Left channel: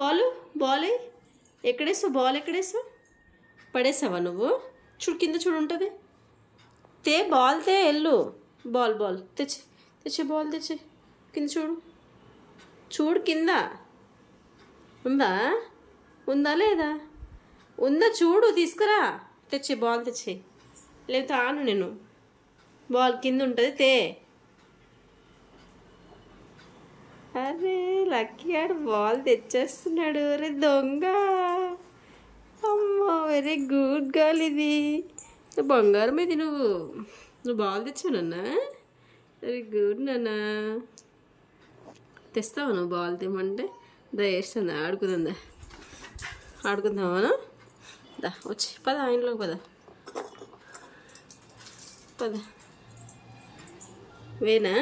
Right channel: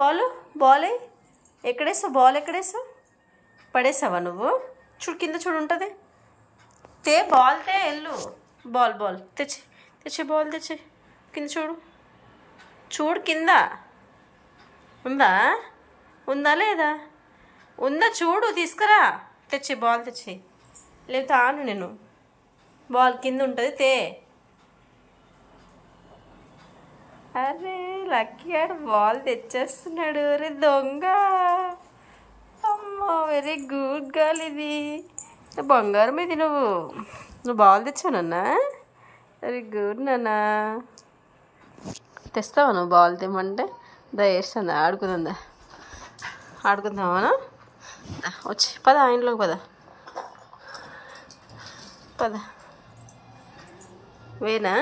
Ball ball ఎక్కడేసావు? Ball ఎక్కడేసావు? పడేసావా నువ్వు? చూడు కింద చూడు ఉంటుంది. తే బాల్ తే ఎల్లు. బాల్ బాల్ తెచ్చి తెచ్చి బాల్ తెచ్చి కింద చూడు. చూడు కింద ఉందా? ఉందా లేదా? ఉందా చూడు, తీసుకురా. తెచ్చి బాల్ తెచ్చి, లేకపోతే ఆను నేను. బాల్ కింద ఉంటుంది తే. అరే లక్కీ ఆడు బాల్ తెచ్చేస్తున్నాడు. అరే దొంగ. అమ్మో వెరీ గుడ్ గర్ల్. ఇది బంగారం. ఇది నువ్వు బాల్ తెచ్చావు నాన్న. వెరీ గుడ్ నాన్న. తెస్తావా నువ్వు బాల్ తెమ్మంటే? వేస్తుందా? ఆడుకుందా? ఆడుకుందామా? వచ్చి పద, ఇంట్లోకి పద. పద వేనా?